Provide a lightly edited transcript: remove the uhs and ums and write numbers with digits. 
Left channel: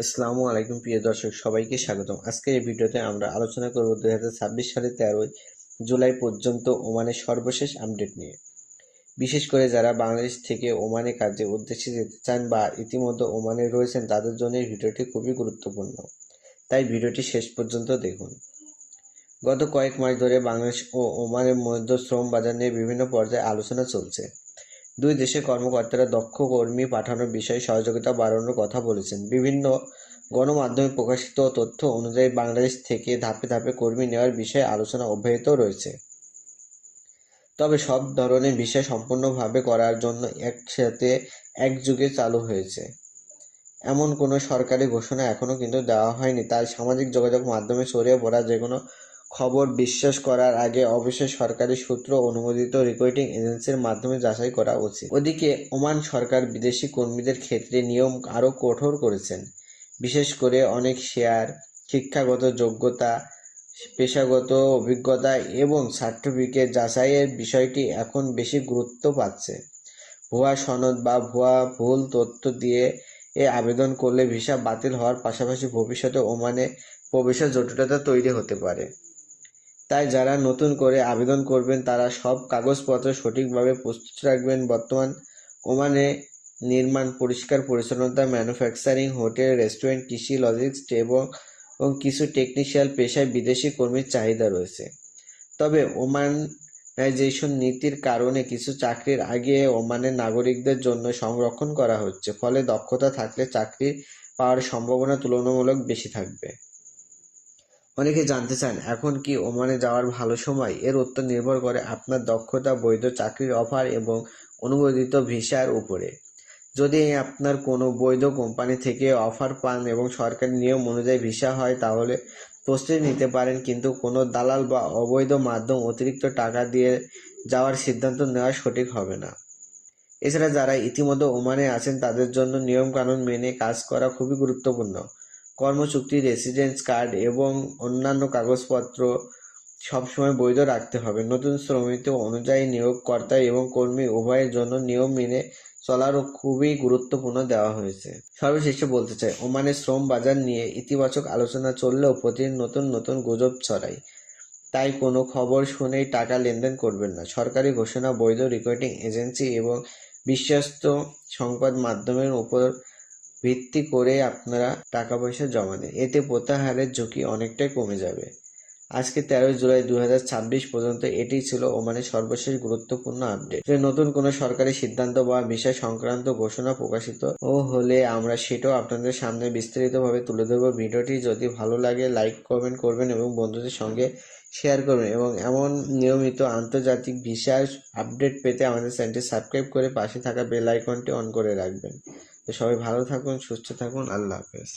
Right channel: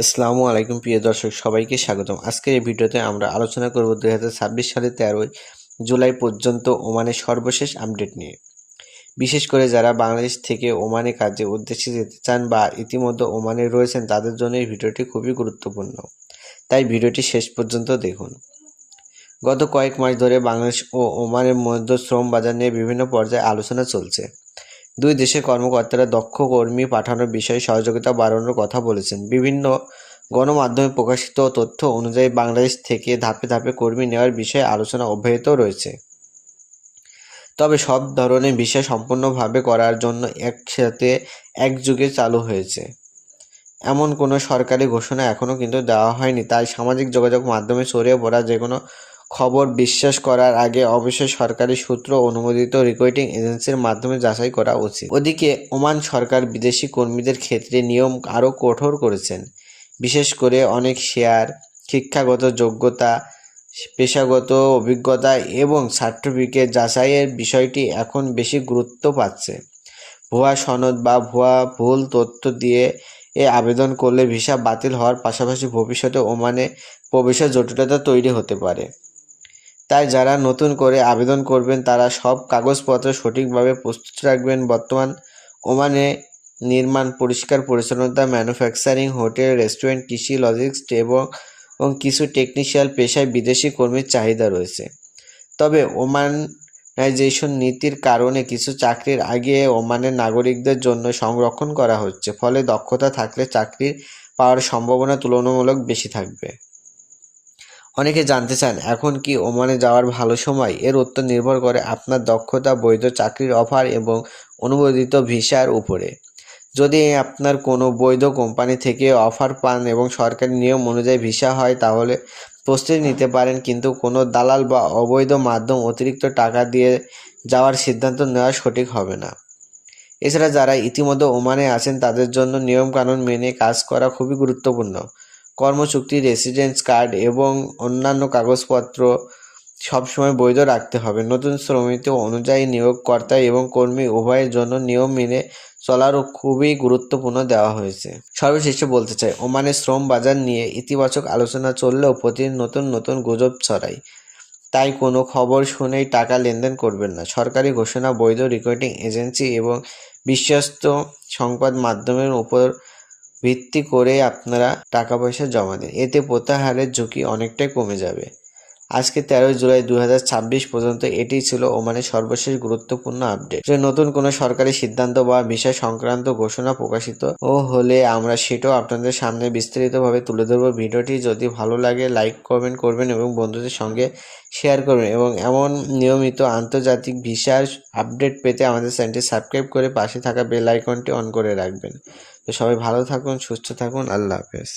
আসসালামু আলাইকুম প্রিয় দর্শক, সবাইকে স্বাগতম। আজকের এই ভিডিওতে আমরা আলোচনা করব 2026 সালের 13 জুলাই পর্যন্ত ওমানের সর্বশেষ আপডেট নিয়ে। বিশেষ করে যারা বাংলাদেশ থেকে ওমানে কাজের উদ্দেশ্যে যেতে চান বা ইতিমধ্যে ওমানে রয়েছেন তাদের জন্য এই ভিডিওটি খুবই গুরুত্বপূর্ণ, তাই ভিডিওটি শেষ পর্যন্ত দেখুন। গত কয়েক মাস ধরে বাংলাদেশ ও ওমানের মধ্যে শ্রম বাজার নিয়ে বিভিন্ন পর্যায়ে আলোচনা চলছে। দুই দেশের কর্মকর্তারা দক্ষ কর্মী পাঠানোর বিষয়ে সহযোগিতা বাড়ানোর কথা বলেছেন। বিভিন্ন গণমাধ্যমে প্রকাশিত তথ্য অনুযায়ী বাংলাদেশ থেকে ধাপে ধাপে কর্মী নেওয়ার বিষয়ে আলোচনা অব্যাহত রয়েছে। তবে সব ধরনের বিষয় সম্পূর্ণভাবে করার জন্য একসাথে একযোগে চালু হয়েছে এমন কোনো সরকারি ঘোষণা এখনও কিন্তু দেওয়া হয়নি। তাই সামাজিক যোগাযোগ মাধ্যমে ছড়িয়ে পড়া যে কোনো খবর বিশ্বাস করার আগে অবশ্যই সরকারি সূত্র অনুমোদিত রিক্রুটিং এজেন্সির মাধ্যমে যাচাই করা উচিত। ওদিকে ওমান সরকার বিদেশি কর্মীদের ক্ষেত্রে নিয়ম আরও কঠোর করেছেন। বিশেষ করে অনেক শেয়ার, শিক্ষাগত যোগ্যতা, পেশাগত অভিজ্ঞতা এবং সার্টিফিকেট যাচাইয়ের বিষয়টি এখন বেশি গুরুত্ব পাচ্ছে। ভুয়া সনদ বা ভুল তথ্য দিয়ে আবেদন করলে ভিসা বাতিল হওয়ার পাশাপাশি ভবিষ্যতে ওমানে প্রবেশের জটিলতা তৈরি হতে পারে। তাই যারা নতুন করে আবেদন করবেন তারা সব কাগজপত্র সঠিকভাবে প্রস্তুত রাখবেন। বর্তমান ওমানে নির্মাণ, পরিষ্কার পরিচ্ছন্নতা, ম্যানুফ্যাকচারিং, হোটেল, রেস্টুরেন্ট, কৃষি, লজিস্টিক্স এবং কিছু টেকনিশিয়াল পেশায় বিদেশি কর্মীর চাহিদা রয়েছে। তবে ওমানাইজেশন নীতির কারণে কিছু চাকরির আগে ওমানের নাগরিকদের জন্য সংরক্ষণ করা হচ্ছে, ফলে দক্ষতা থাকলে চাকরি পাওয়ার সম্ভাবনা তুলনামূলক বেশি থাকবে। অনেকে জানতে চান এখন কি ওমানে যাওয়ার ভালো সময়? এর উত্তর নির্ভর করে আপনার দক্ষতা, বৈধ চাকরির অফার এবং অনুমোদিত ভিসার উপরে। যদি আপনার কোনো বৈধ কোম্পানি থেকে অফার পান এবং সরকারি নিয়ম অনুযায়ী ভিসা হয় তাহলে প্রস্তুতি নিতে পারেন, কিন্তু কোনো দালাল বা অবৈধ মাধ্যম অতিরিক্ত টাকা দিয়ে যাওয়ার সিদ্ধান্ত নেওয়া সঠিক হবে না। এছাড়া যারা ইতিমধ্যে ওমানে আছেন তাদের জন্য নিয়মকানুন মেনে কাজ করা খুবই গুরুত্বপূর্ণ। কর্মচুক্তি, রেসিডেন্স কার্ড এবং অন্যান্য কাগজপত্র সবসময় বৈধ রাখতে হবে। নতুন শ্রমিক অনুযায়ী নিয়োগকর্তা এবং কর্মী উভয়ের জন্য নিয়ম মেনে চলারও খুবই গুরুত্বপূর্ণ দেওয়া হয়েছে। সর্বশেষে বলতে চাই, ওমানের শ্রম বাজার নিয়ে ইতিবাচক আলোচনা চললেও প্রতিদিন নতুন নতুন গুজব ছড়ায়। তাই কোনো খবর শুনেই টাকা লেনদেন করবেন না। সরকারি ঘোষণা, বৈধ রিক্রুটিং এজেন্সি এবং বিশ্বস্ত সংবাদ মাধ্যমের উপর ভিত্তি করে আপনারা টাকা পয়সা জমা দিন, এতে প্রত্যাহারের ঝুঁকি অনেকটাই কমে যাবে। আজকে 13 জুলাই 2026 পর্যন্ত এটি ছিল ওমানের সর্বশেষ গুরুত্বপূর্ণ আপডেট। যে নতুন কোনো সরকারি সিদ্ধান্ত বা বিষয় সংক্রান্ত ঘোষণা প্রকাশিত হলে আমরা সেটাও আপনাদের সামনে বিস্তারিতভাবে তুলে ধরব। ভিডিওটি যদি ভালো লাগে লাইক কমেন্ট করবেন এবং বন্ধুদের সঙ্গে শেয়ার করবেন এবং এমন নিয়মিত আন্তর্জাতিক ভিসার আপডেট পেতে আমাদের চ্যানেলটি সাবস্ক্রাইব করে পাশে থাকা বেল আইকনটি অন করে রাখবেন। তো সবাই ভালো থাকুন, সুস্থ থাকুন, আল্লাহ হাফেজ।